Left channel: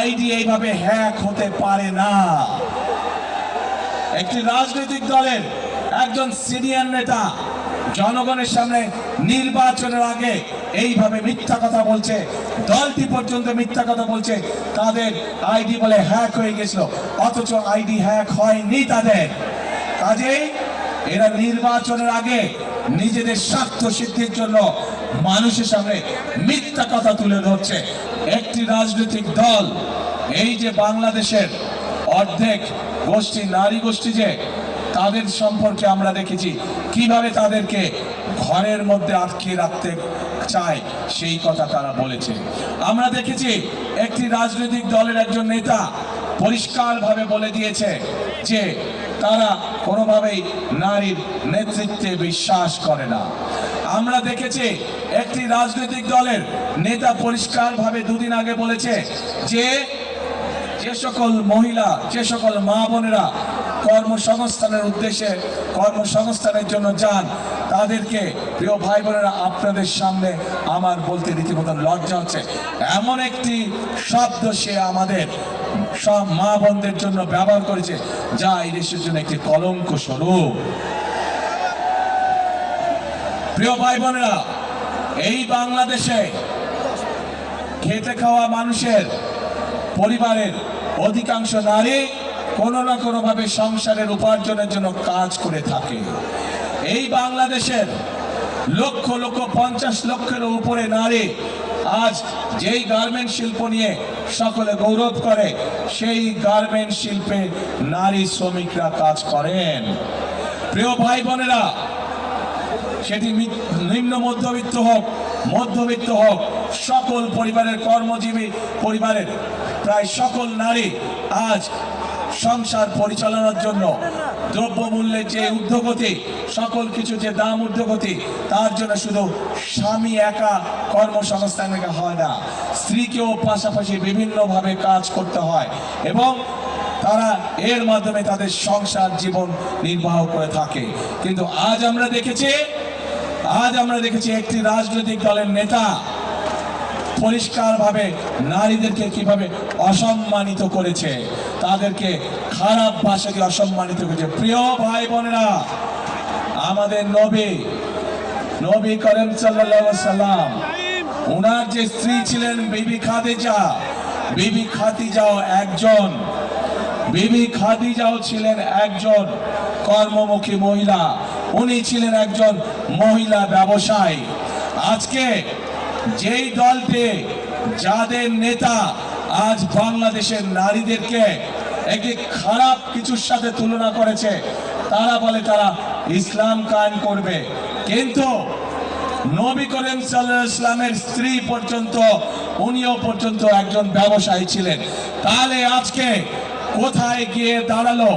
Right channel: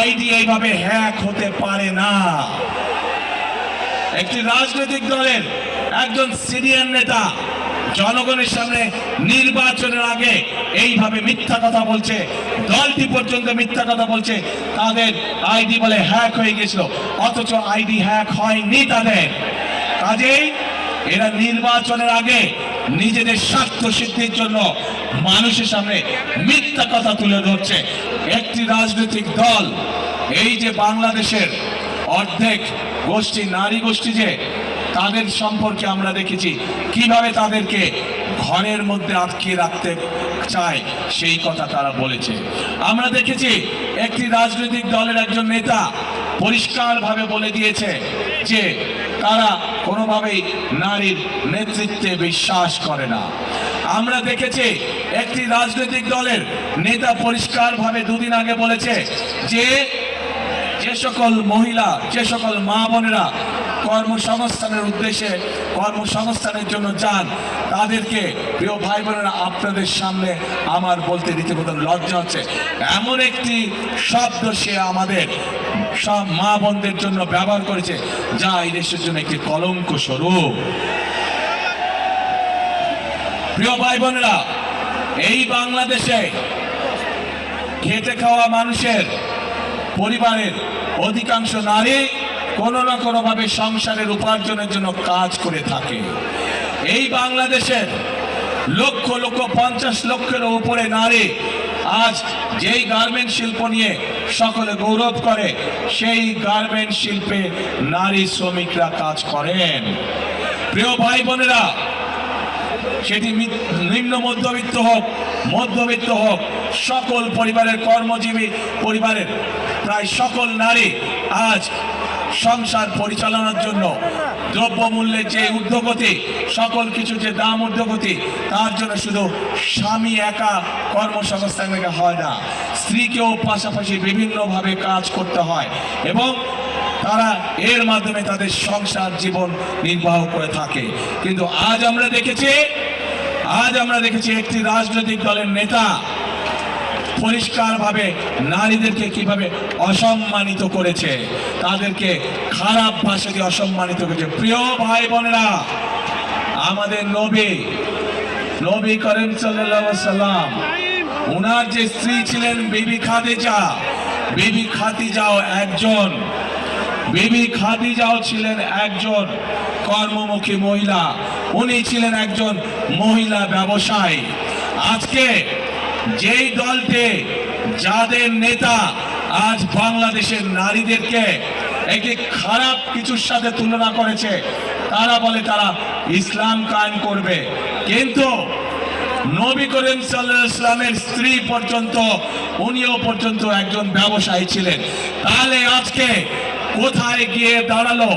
ID এইভাবে hack হতে পারে না। একটি রাজনৈতিক দলের একজন সিনিয়র নেতা জনগণের সামনে নির্বাচনের আগে এইভাবে মিথ্যা কথা বলছে, দলটি পর্যন্ত মিথ্যা কথা বলছে তাদের আইডি বলে হ্যাক হয়ে গেছিল, অথচ আইডি হ্যাক হয়নি তাদের। কাজেই এরা নির্বাচনের আগে নিজেদের স্বার্থ সিদ্ধির জন্য মানুষের সামনে মিথ্যা কথা তুলে ধরছে। একটি রাজনৈতিক দল, এই যে বাংলাদেশের অর্ধেক গোষ্ঠী নারী গোষ্ঠী, যে তাদের সম্পর্কে আমরা দেখেছি কিভাবে তাদেরকে ঘরের মধ্যে আটকে রাখতে চায়, সেই কথা তারা বলেছে। আমরা দেখেছি একটি রাজনৈতিক দলের একজন নেতা পরিষ্কারভাবে বলে দিয়েছে যে তারা কোনোভাবেই নারীর নেতৃত্বে বিশ্বাস করে না। আমরা দেখেছি একটি রাজনৈতিক দলের নেতা পরিষ্কারভাবে দুদিন আগে বলেছে যে যে সকল মহিলা, যে সকল মা বোনেরা কর্মসংস্থানের উদ্দেশ্যে কর্মসংস্থানের জন্য যান, তাদেরকে প্রিয় ভাই বোনেরা আপনাদের সামনে আমার বলতে রীতিমতো লজ্জা হচ্ছে, এমন একটি শব্দ সে আমাদের সব মা বোনদের জন্য ব্যবহার করেছে যা এই দেশের জন্য একটি কলঙ্ক স্বরূপ। প্রিয় ভাই বোনেরা, এই বাংলাদেশে খেটে খাওয়া মানুষের পরিবারের অধিকাংশ নারী কোনো না কোনোভাবে সংসারের উপার্জনের জন্য কাজ করে থাকে। এই বাংলাদেশের লক্ষ লক্ষ 50 লক্ষের উপরে নারী আজ যেই গার্মেন্ট শিল্প নিয়ে সকলে গৌরব করে, সেই গার্মেন্ট শিল্পে নারী শ্রমিকরা কাজ করেন। প্রিয় ভাই বোনেরা, সেটি নিম্ন মধ্যবিত্ত হোক, মধ্যবিত্ত হোক, সকল পরিবারের কর্মজীবী পরিবারের প্রায় সকল নারী আজ সংসার পরিচালনার জন্য দ্রব্যমূল্যের যে ঊর্ধ্বগতি, সকল কিছু যে দাম ঊর্ধ্বগতি, তার জন্য শুধু স্বামী একা কর্মসংস্থান হয় না, স্ত্রীকেও পাশাপাশি বিভিন্নভাবে কাজ করতে হয় এবং তারা এর মাধ্যমে তাদের সংসার জীবন নির্বাহ করে থাকে। কিন্তু আজ আমরা দেখেছি একটি রাজনৈতিক দলের নেতা পরিষ্কারভাবে নারীদেরকে কিভাবে অসম্মানিত করেছে, তাদেরকে খারাপ ভাষা দিয়ে অসম্মানিত করেছে। প্রিয় ভাই বোনেরা, আমাদের নবী করিম সাল্লাল্লাহু আলাইহি সাল্লাম, ওনার যে স্ত্রী ছিলেন বিবি খাদিজাও ছিলেন একজন কর্মমুখী মহিলা, উনি ছিলেন একজন মহিলা ব্যবসায়ী। আজকে যেই দলটি, যাদের নেতা আজ বাংলাদেশের নারীদেরকে একটি খারাপ কিছুর সাথে তুলনা করেছে, তারা বলে তারা ইসলাম কায়েম করবে, কিন্তু নবী করিম সাল্লাল্লাহু আলাইহি ওয়াসাল্লামের স্ত্রী পর্যন্ত, উনিও পর্যন্ত একজন ব্যবসায়ী ছিলেন। তাহলে আজকে কোথায় গিয়ে দাঁড়ালো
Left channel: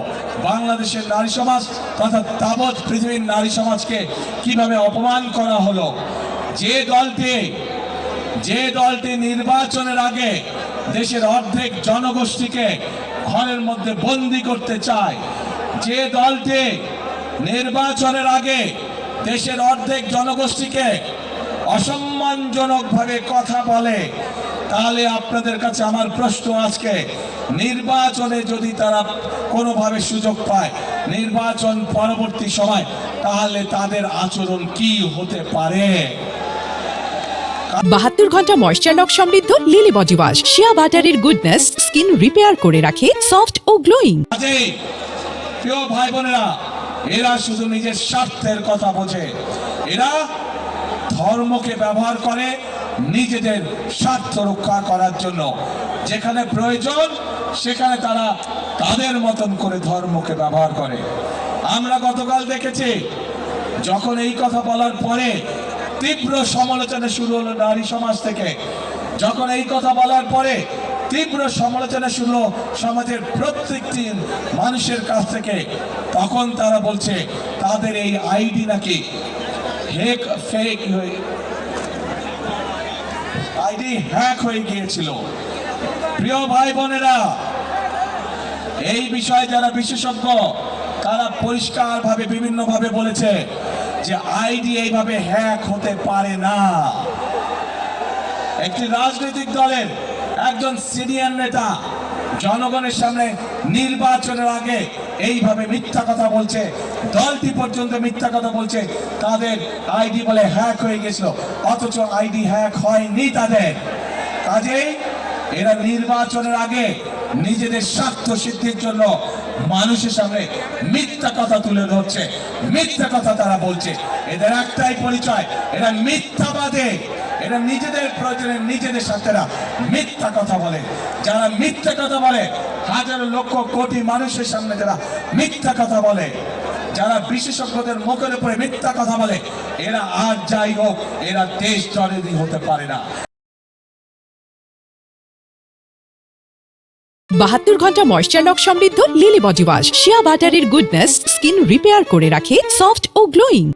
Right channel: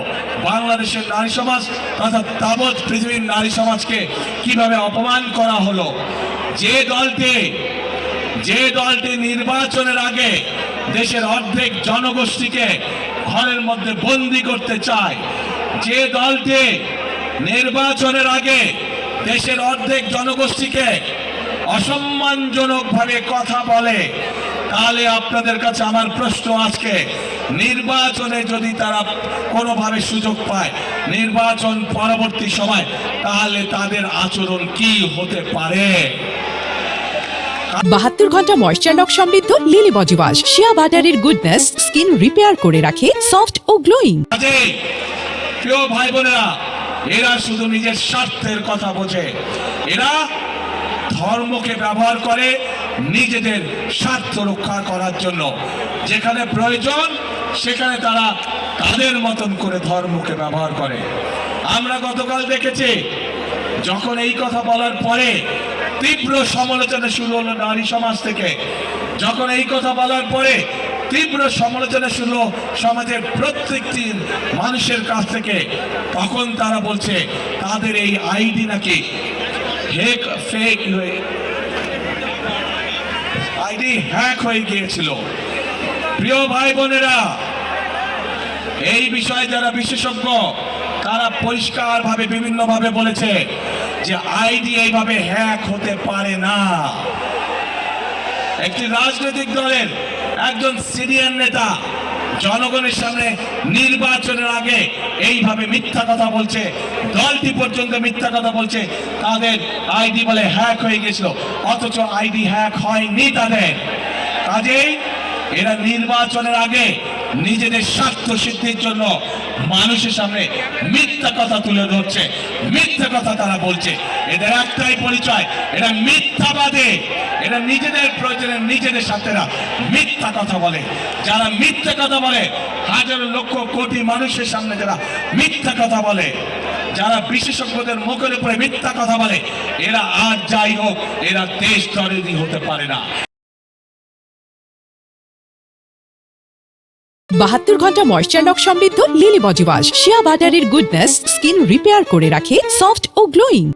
বাংলাদেশের নারী সমাজ তথা তাবৎ পৃথিবীর নারী সমাজকে কিভাবে অপমান করা হলো? যে দলটি নির্বাচনের আগে দেশের অর্ধেক জনগোষ্ঠীকে ঘরের মধ্যে বন্দী করতে চায়, যে দলটি নির্বাচনের আগে দেশের অর্ধেক জনগোষ্ঠীকে অসম্মানজনকভাবে কথা বলে, তাহলে আপনাদের কাছে আমার প্রশ্ন, আজকে নির্বাচনে যদি তারা কোনোভাবে সুযোগ পায় নির্বাচন পরবর্তী সময়, তাহলে তাদের আচরণ কি হতে পারে? 72 ঘন্টা ময়েশ্চার লক সমৃদ্ধ লিলি বডি ওয়াশ, শিয়া বাটারের গুডনেস স্কিন রিপেয়ার করে রাখে সফট ও গ্লোয়িং। প্রিয় ভাই বোনেরা, এরা শুধু নিজের স্বার্থের কথা বোঝে, এরা ধর্মকে ব্যবহার করে নিজেদের স্বার্থ রক্ষা করার জন্য। যেখানে প্রয়োজন সেখানে তারা তাদের মতন করে ধর্মকে ব্যবহার করে। আমরা গতকাল দেখেছি, যখন এই কথা বলার পরে তীব্র সমালোচনা শুরু হলো নারী সমাজ থেকে, যখন এই কথা বলার পরে তীব্র সমালোচনা শুরু সমাজের প্রত্যেকটি মানুষের কাছ থেকে, তখন তারা বলছে তাদের এই আইডি নাকি ফেক আইডি হ্যাক হয়ে গিয়েছিল। প্রিয় ভাই বোনেরা, এই বিষয়ে যারা বিশেষজ্ঞ তারা পরিষ্কারভাবে বিভিন্নভাবে বলেছে যে আইডি এইভাবে হ্যাক হতে পারে না। একটি রাজনৈতিক দলের একজন সিনিয়র নেতা জনগণের সামনে নির্বাচনের আগে এইভাবে মিথ্যা কথা বলছে, দলটি পর্যন্ত মিথ্যা কথা বলছে, তাদের আইডি বলে হ্যাক হয়ে গেছিল, অথচ আইডি হ্যাক হয়নি তাদের। কাজেই এরা নির্বাচনের আগে নিজেদের স্বার্থ সিদ্ধির জন্য মানুষের সামনে মিথ্যা কথা তুলে ধরছে, মিথ্যা কথা তারা বলছে। এদের একটাই পরিচয়, এরা মিথ্যাবাদী, এরা নিজেদের প্রয়োজনে নিজেদের স্বার্থেরা মিথ্যা কথা বলে। যারা মিথ্যা কথা বলে, হাজার লক্ষ কোটি মানুষের সামনে যারা মিথ্যা কথা বলে, যারা বিশেষজ্ঞদের মুখের উপরে মিথ্যা কথা বলে, এরা আর যাই হোক, এরা দেশ দরদি হতে পারে না। 72 ঘন্টা ময়েশ্চার লক সমৃদ্ধ লিলি বডি ওয়াশ শিয়া বাটারের গুডনেস স্কিন রিপেয়ার করে রাখে সফট ও গ্লোয়িং।